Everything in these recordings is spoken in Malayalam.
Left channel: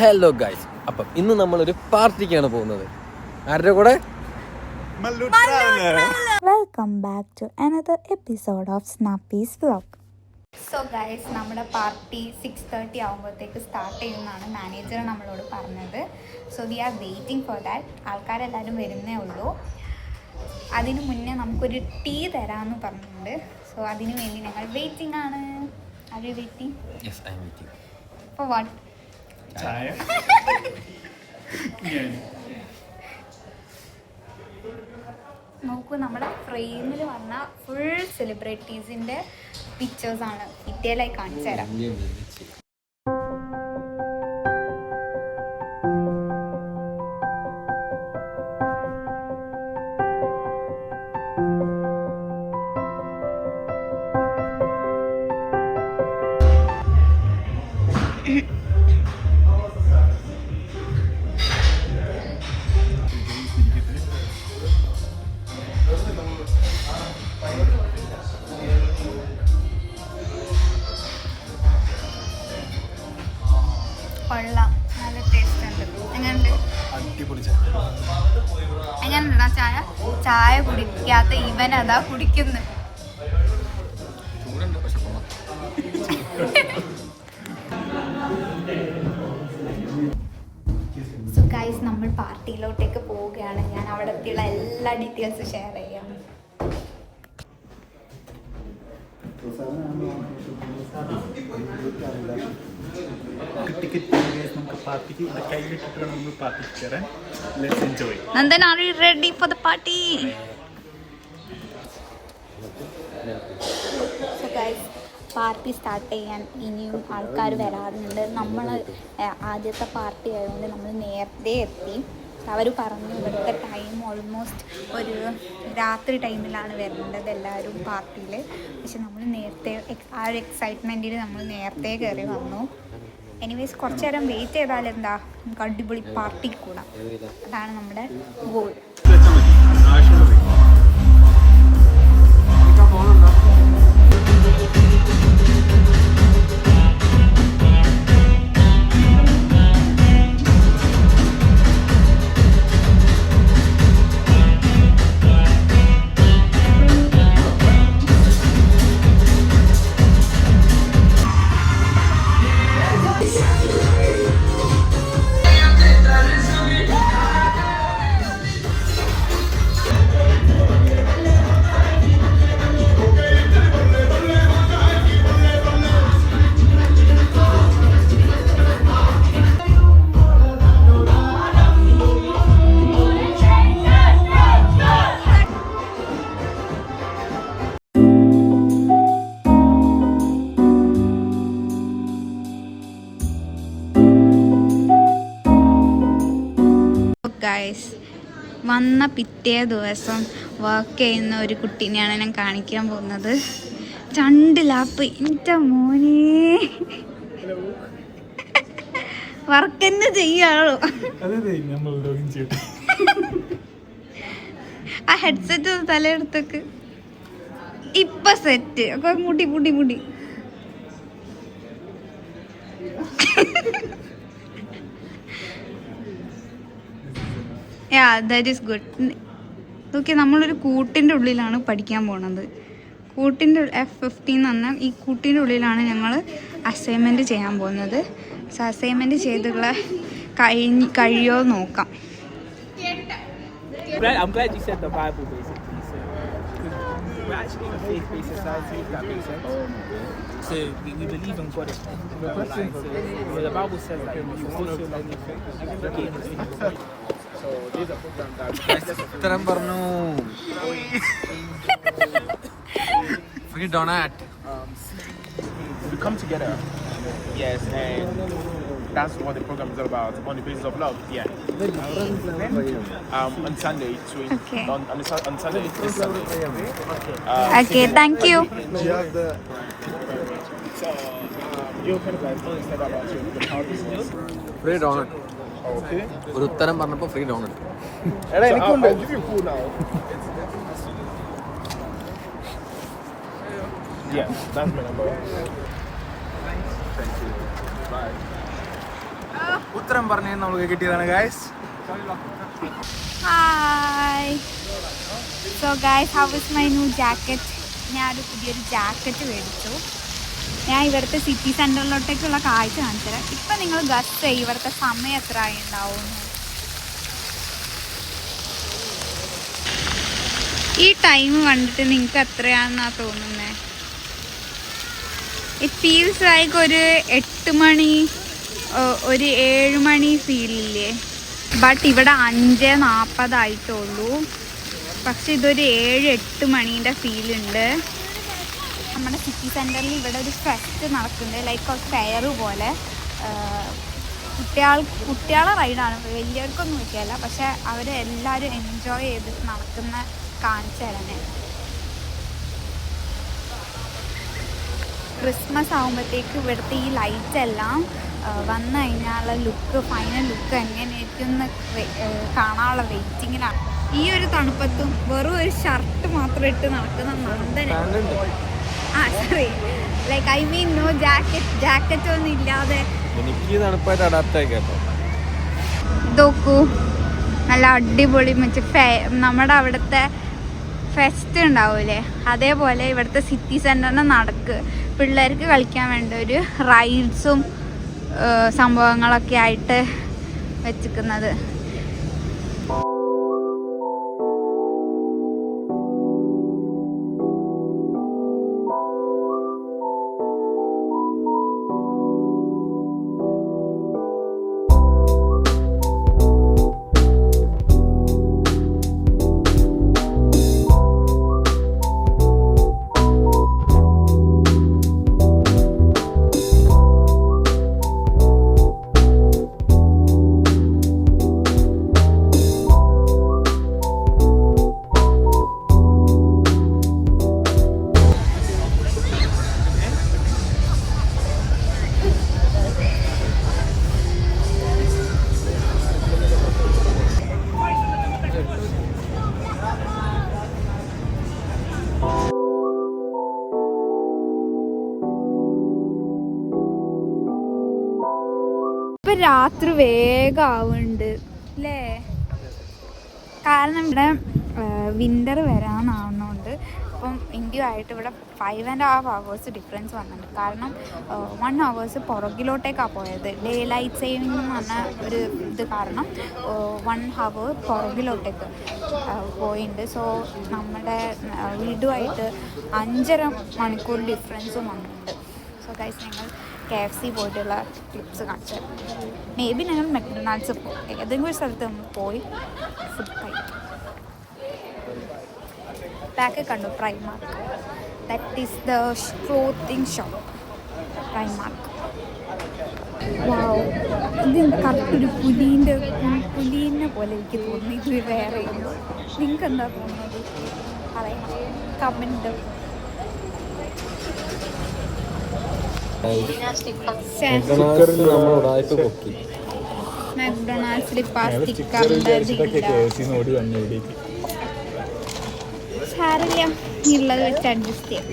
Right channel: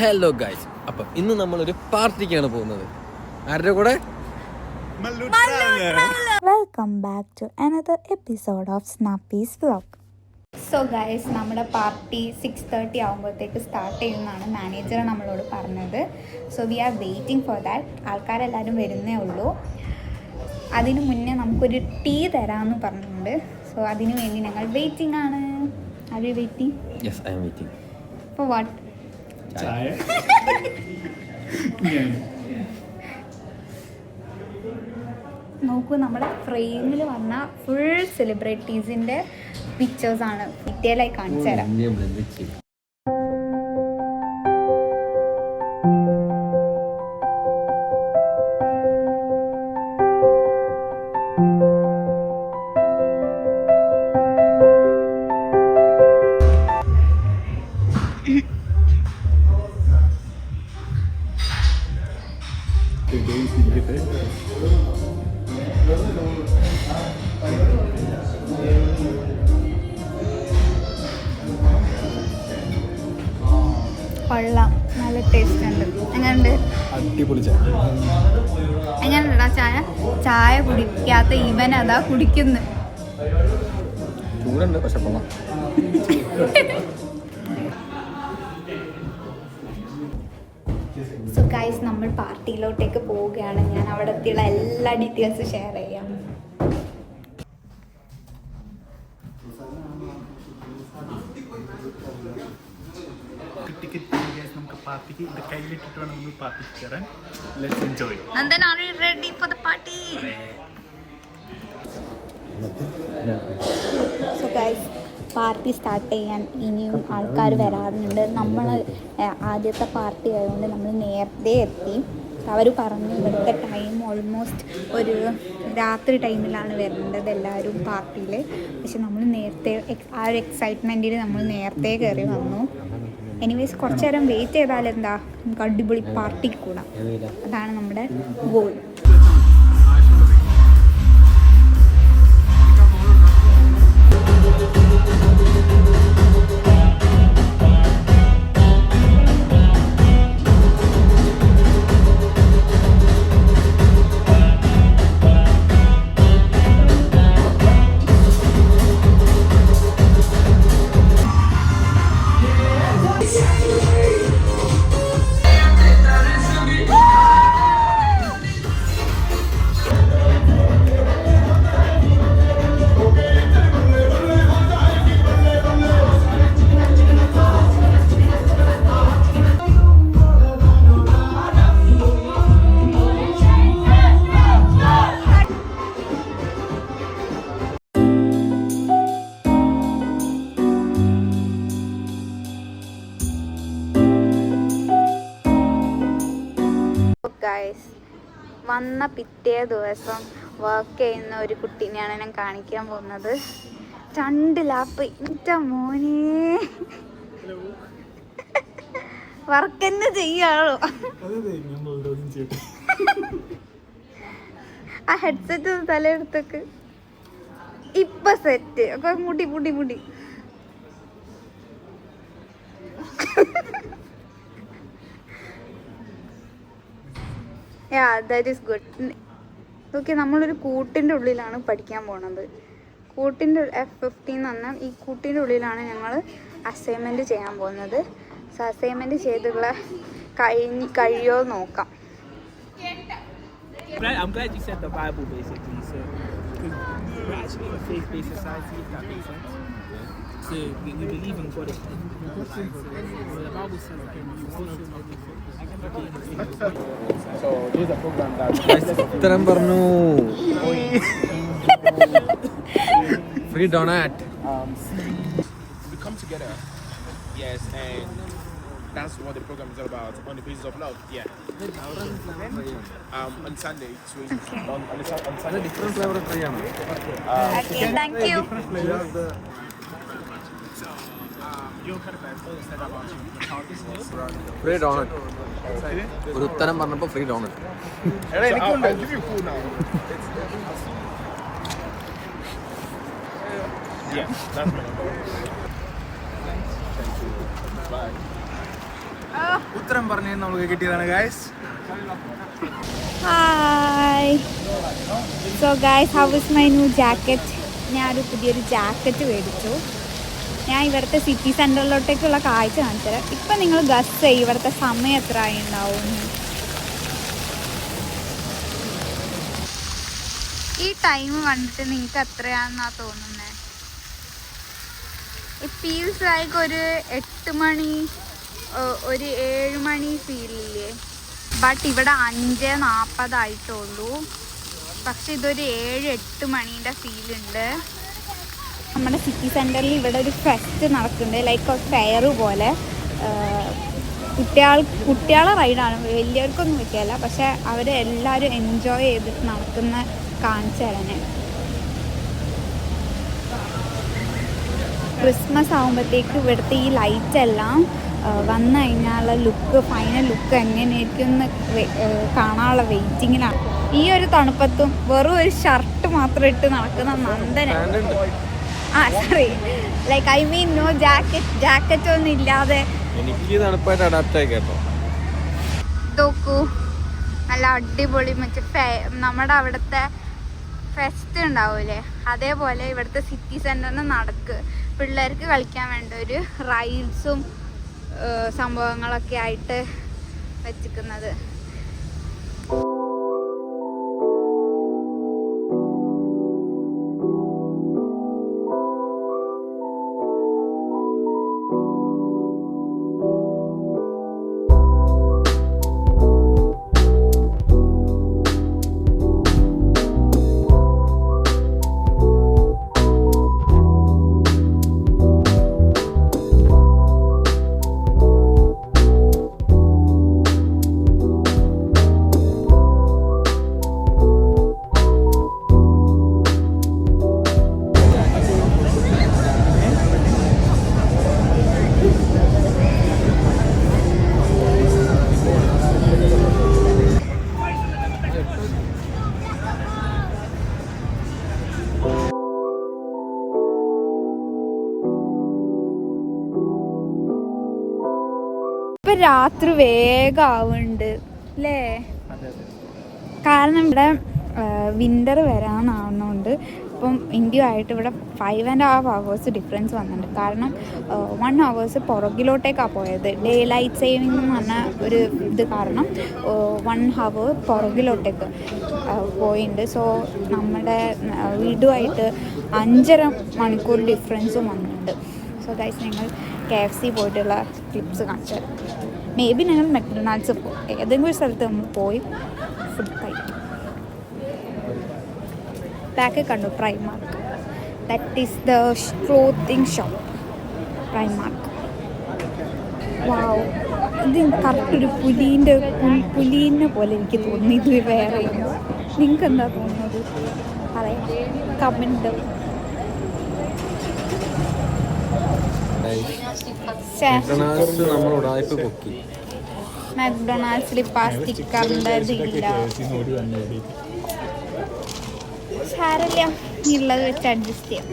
ഹലോ ഗൈസ്, അപ്പം ഇന്ന് നമ്മളൊരു പാർട്ടിക്കാണ് പോകുന്നത്. ആരുടെ കൂടെ? Welcome back to another episode of Snappy's vlog. So guys, നമ്മുടെ പാർട്ടി 6:30 ആകുമ്പോഴത്തേക്ക് സ്റ്റാർട്ട് ചെയ്യുന്നതാണ് മാനേജർ നമ്മളോട് പറഞ്ഞത്. So we are waiting for that. ആൾക്കാരെല്ലാവരും വരുന്നേ ഉള്ളൂ. അതിനു മുന്നേ നമുക്കൊരു ടീ തരാമെന്ന് പറഞ്ഞിട്ടുണ്ട്. സോ അതിനു വേണ്ടി ഞങ്ങൾ വെയിറ്റിംഗ് ആണ്. Are you waiting? Yes, I am waiting. For what? Chai. നോക്കൂ, നമ്മുടെ ഫ്രെയിമിൽ വന്ന ഫുൾ സെലിബ്രിറ്റീസിൻ്റെ പിക്ചേഴ്സാണ്. ഡീറ്റെയിലായി കാണിച്ചു തരാം. കൊള്ളാം, നല്ല ടേസ്റ്റ് ഉണ്ട്. എങ്ങനെയുണ്ട്? അടിപൊളി ചായ. എങ്ങനെയുണ്ടാ ചായ? ചായ കുടിക്കാത്ത ഇവൻ അതാ കുടിക്കുന്നു. ചൂടുണ്ട് പക്ഷെ കൊള്ളാം. സോ ഗൈസ്, നമ്മൾ പാർട്ടിയിലോട്ടേക്ക് പോവുകയാണ്. ഞാൻ അവിടത്തെയുള്ള എല്ലാ ഡീറ്റെയിൽസും ഷെയർ ചെയ്യാം. നമുക്ക് പാർട്ടിക്ക് ഇവിടെ കയ്യിലിട്ടിട്ട് വേണം നമ്മൾ പാർട്ടിക്ക് കയറാൻ. Let's enjoy. Nandan, are you ready for the party? So guys, party start ചെയ്യാൻ ഇനിയും ആൾക്കാർ വരാറുണ്ട്. നമ്മൾ ആദ്യത്തെ പാർട്ടി ആയതുകൊണ്ട് നമ്മൾ നേരത്തെ എത്തി. അവർ പറഞ്ഞു ഇവിടുത്തെ ടൈം ഓൾമോസ്റ്റ് ഒരു രാത്രി ടൈമിലാണ് വരേണ്ടത് എല്ലാവരും പാർട്ടിയിൽ. പക്ഷെ നമ്മൾ നേരത്തെ ആ ഒരു എക്സൈറ്റ്മെൻറ്റിൽ നമ്മൾ നേരത്തെ കയറി വന്നു. എനിവേസ്, കുറച്ച് നേരം വെയിറ്റ് ചെയ്താൽ എന്താ, നമുക്ക് അടിപൊളി പാർട്ടി കൂടാം. അതാണ് നമ്മുടെ ഗോൾ. ഗൈസ്, വന്ന പിറ്റേ ദിവസം വർക്ക് ചെയ്യുന്ന ഒരു കുട്ടീനെയാണ് ഞാൻ കാണിക്കാൻ പോകുന്നത്. 2 ലാപ്പ്. എൻ്റെ മോനെ വർക്ക് തന്നെ ചെയ്യാണോ? ആ ഹെഡ്സെറ്റ് തലയെടുത്തേക്ക്. ഇപ്പൊ സെറ്റ് ഒക്കെ മുടി മുടി മുടി. That is good. ഓക്കെ, നമ്മളൊരു കൂട്ടിൻ്റെ ഉള്ളിലാണ് പഠിക്കാൻ പോണത്. കൂട്ടിൻ്റെ F15 എന്ന് പറഞ്ഞാൽ ഈ കൂട്ടിൻ്റെ ഉള്ളിലാണ് ഞങ്ങൾ അസൈൻമെൻറ്റ് ചെയ്യാൻ പോകുന്നത്. സോ അസൈൻമെൻറ്റ് ചെയ്തുള്ള കഴിയോ നോക്കാം. I'm glad you said the Bible basically. So we're actually a faith-based society, if that makes sense. So we believe in God. So the Bible says that you're supposed to love your faith. So there's a program that ഉത്തരം പറഞ്ഞു. Free ഡൊണാറ്റ്. We come together. Yes, and that's what the program is all about, on the basis of love. Yeah. On Sunday, so Okay. on Sunday. Okay, thank you. So you're kind of like said about your hobbies. Free doughnut. Okay. ഒരു ഉത്തരം പറഞ്ഞപ്പോൾ free doughnut. I'll give you a food now. Yeah, that's what I'm doing. Thank you. Bye. ഉത്തരം പറഞ്ഞ് നമുക്ക് കിട്ടിയതാണ് guys. Hi. So guys, how is my new jacket? ഞാനൊരു പുതിയൊരു ജാക്കറ്റ് മേടിച്ചു. ഞാൻ ഇവിടുത്തെ സിറ്റി സെൻറ്ററിലോട്ടേക്കുള്ള കാഴ്ച കാണിച്ചു തരാം. ഇപ്പം നിങ്ങൾ ഗസ് ചെയ്യും ഇവിടുത്തെ സമയം എത്ര ആയിണ്ടാവും. ഈ ടൈം കണ്ടിട്ട് നിങ്ങൾക്ക് എത്രയാണെന്നാണ് തോന്നുന്നത്? ഇറ്റ് ഫീൽസ് ലൈക്ക് ഒരു 8 മണി, ഒരു 7 മണി ഫീലില്ലേ? ബട്ട് ഇവിടെ 5:40 ആയിട്ടുള്ളൂ. പക്ഷെ ഇതൊരു 7-8 മണീൻ്റെ ഫീലുണ്ട്. നമ്മുടെ സിറ്റി സെൻറ്ററിൽ ഇവിടെ ഒരു ഫെസ്റ്റ് നടക്കുന്നുണ്ട്, ലൈക്ക് ഒരു ഫെയർ പോലെ. കുട്ടികളെ റൈഡാണ്, വലിയവർക്കൊന്നും പറ്റിയല്ല. പക്ഷെ അവർ എല്ലാവരും എൻജോയ് ചെയ്തിട്ട് നടക്കുന്ന കാണിച്ചു തരാൻ. ക്രിസ്മസ് ആകുമ്പോഴത്തേക്ക് ഇവിടുത്തെ ഈ ലൈറ്റ് എല്ലാം വന്നു കഴിഞ്ഞാലുള്ള ലുക്ക്, ഫൈനൽ ലുക്ക് എങ്ങനെയായിരിക്കും എന്ന് കാണാനുള്ള വെയിറ്റിങ്ങിലാണ്. ഈ ഒരു തണുപ്പത്തും വെറും ഒരു ഷർട്ട് മാത്രം ഇട്ട് നടക്കുന്ന Nandana, sorry, like I mean no jacket ഒന്നും ഇല്ലാതെ എനിക്ക് തണുപ്പായിട്ട് അഡാപ്റ്റ് ആയി കേട്ടോ. നോക്കൂ, നല്ല അടിപൊളി നമ്മുടെ അവിടുത്തെ ഫെസ്റ്റ് ഉണ്ടാവൂലേ, അതേപോലെ ഇവിടുത്തെ സിറ്റി സെൻറ്ററിന് നടക്ക് പിള്ളേർക്ക് കളിക്കാൻ വേണ്ട ഒരു റൈഡ്സും സംഭവങ്ങളൊക്കെ ആയിട്ട് വെച്ചിരിക്കുന്നത്. ഇപ്പം രാത്രി വേഗം ആവുന്നുണ്ട് അല്ലേ? കാരണം ഇവിടെ വിൻ്റർ വരാനാവുന്നതുകൊണ്ട് ഇപ്പം ഇന്ത്യയുമായിട്ട് ഇവിടെ 5.5 hours ഡിഫറൻസ് വന്നിട്ടുണ്ട്. കാരണം 1 hours പുറകിലോട്ടേക്കാണ് പോയത്. ഡേ ലൈറ്റ് സേവിങ് എന്ന് പറഞ്ഞ ഒരു ഇത് കാരണം 1 hour പുറകിലോട്ടേക്ക് പോയിട്ടുണ്ട്. സോ നമ്മുടെ വീടുമായിട്ട് 5.5 മണിക്കൂർ ഡിഫറൻസും വന്നിട്ടുണ്ട്. സോ ഗൈസ്, ഞങ്ങൾ KFC പോയിട്ടുള്ള ക്ലിപ്സ് കാണിച്ചു തരാം. മേ ബി ഞങ്ങൾ മെക്ഡൊണാൾഡ്സ് ഏതെങ്കിലും ഒരു സ്ഥലത്ത് നമ്മൾ പോയി ഫുഡ് കഴിക്കും. ബാക്ക് കണ്ടു Primark, that is the clothing shop Primark. ഇത് കറക്റ്റ് ഒരു പുലീനെ പോലെ എനിക്ക് തോന്നി. ഇത് വേറെ നിങ്ങൾക്ക് എന്താ തോന്നുന്നത് പറയണം, കമൻറ്റ്. മെക്ഡൊണാൾഡ്സിൽ ഇപ്പം ആ സ്റ്റിക്കറിൻ്റെ ഇതില്ല. സാരമില്ല, ഉള്ളത് വെച്ച് അഡ്ജസ്റ്റ് ചെയ്യാം.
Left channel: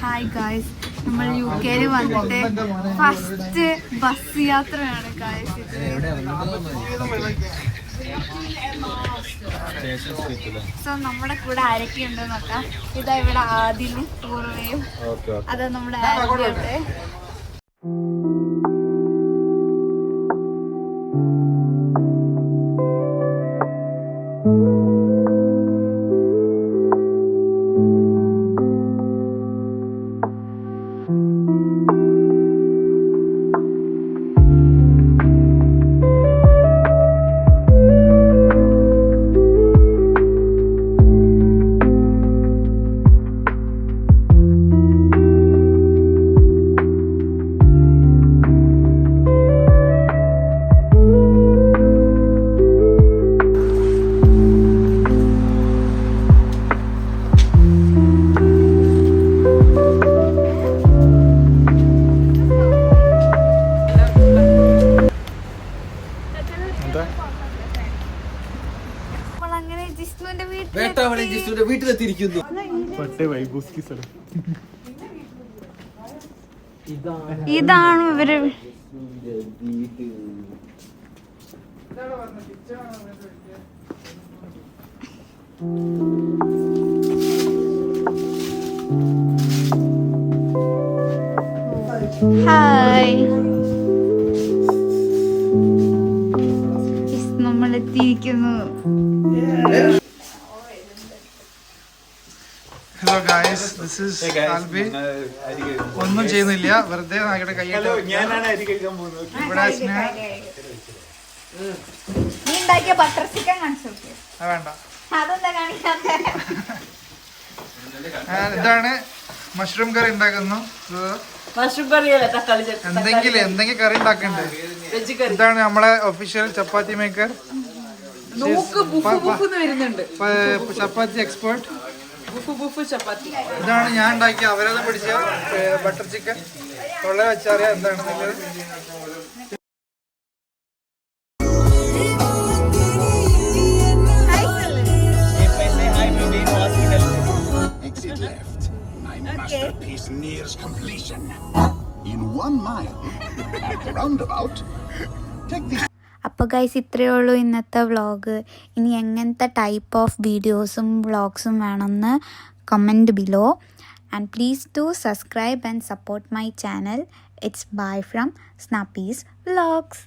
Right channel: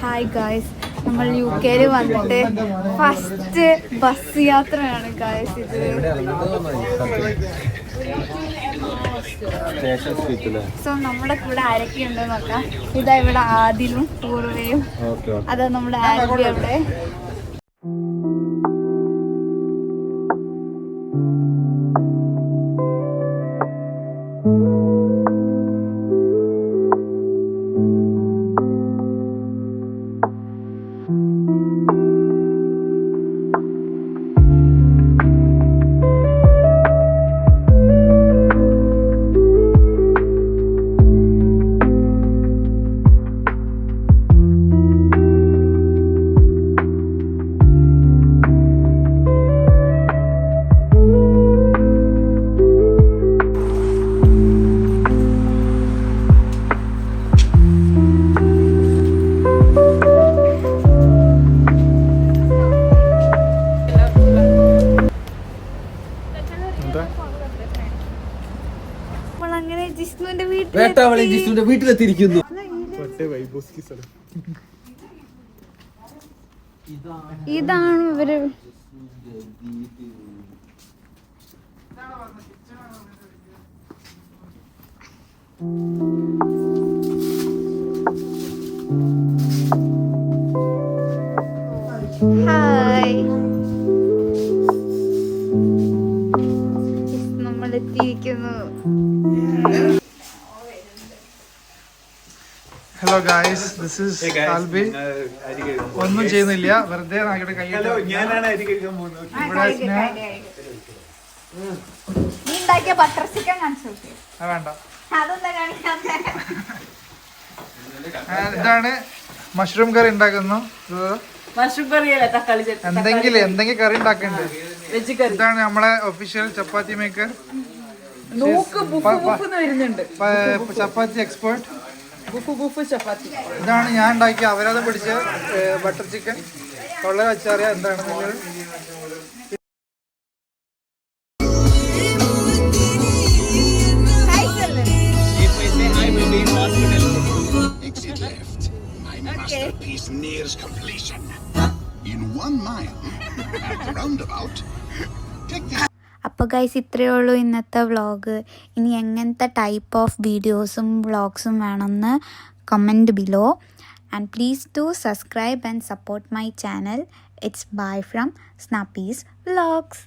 ഹായ് ഗായ്സ്, നമ്മൾ UK വന്നിട്ട് ഫസ്റ്റ് ബസ് യാത്രയാണ് ഗായ്സ് ഇത്. സോ നമ്മുടെ കൂടെ ആരൊക്കെയുണ്ട് നോക്കാം. ഇതാ ഇവിടെ ആദിലും പൂർവയും, അതാ നമ്മുടെ ആരൊക്കെയുണ്ട്. വീട്ടിലെത്തിയിരിക്കുന്നു. ഇതാണ് ഇവര് ഗായ്സ്, ദിസ് ഈസ് ആൽബി. ഒന്നും ചെയ്യുന്നില്ല, വെറുതെ നാക്കിട്ട് കൈയിട്ട് ഇവിടെ സ്നേഹ. നീ ഉണ്ടാക്കിയ ബട്ടർ ചിക്കൻ കാണിച്ചു നോക്കിയോ? വേണ്ട. അതെന്താ കാണിക്കാത്തെ? ഇതാണ് മഷ്റൂം കറി ഉണ്ടാക്കുന്നു. എന്തെങ്കിലും കറി ഉണ്ടാക്കണ്ടേ? ഇതാണ് നമ്മളെ ഒഫീഷ്യൽ ചപ്പാത്തി മേക്കർ, ചപ്പാത്തി എക്സ്പേർട്ട്. ഇതാണ് ഞാൻ ഉണ്ടാക്കിയ അവരത് പിടിച്ച ബട്ടർ ചിക്കൻ. തൊള്ള വെച്ചറിയാം എന്താണെന്നുള്ളത്. Exit left. My masterpiece nears completion. In 1 mile, at the roundabout, take this. അപ്പോൾ ഗൈസ്, ഇത്രയേ ഉള്ളൂ ഇന്നത്തെ വ്ളോഗ്. ഇനി എങ്ങനത്തെ ടൈപ്പ് ഓഫ് വീഡിയോസും വ്ളോഗ്സും വേണമെന്ന് comment below. And please do subscribe and support my channel. It's bye from Snappy's Vlogs.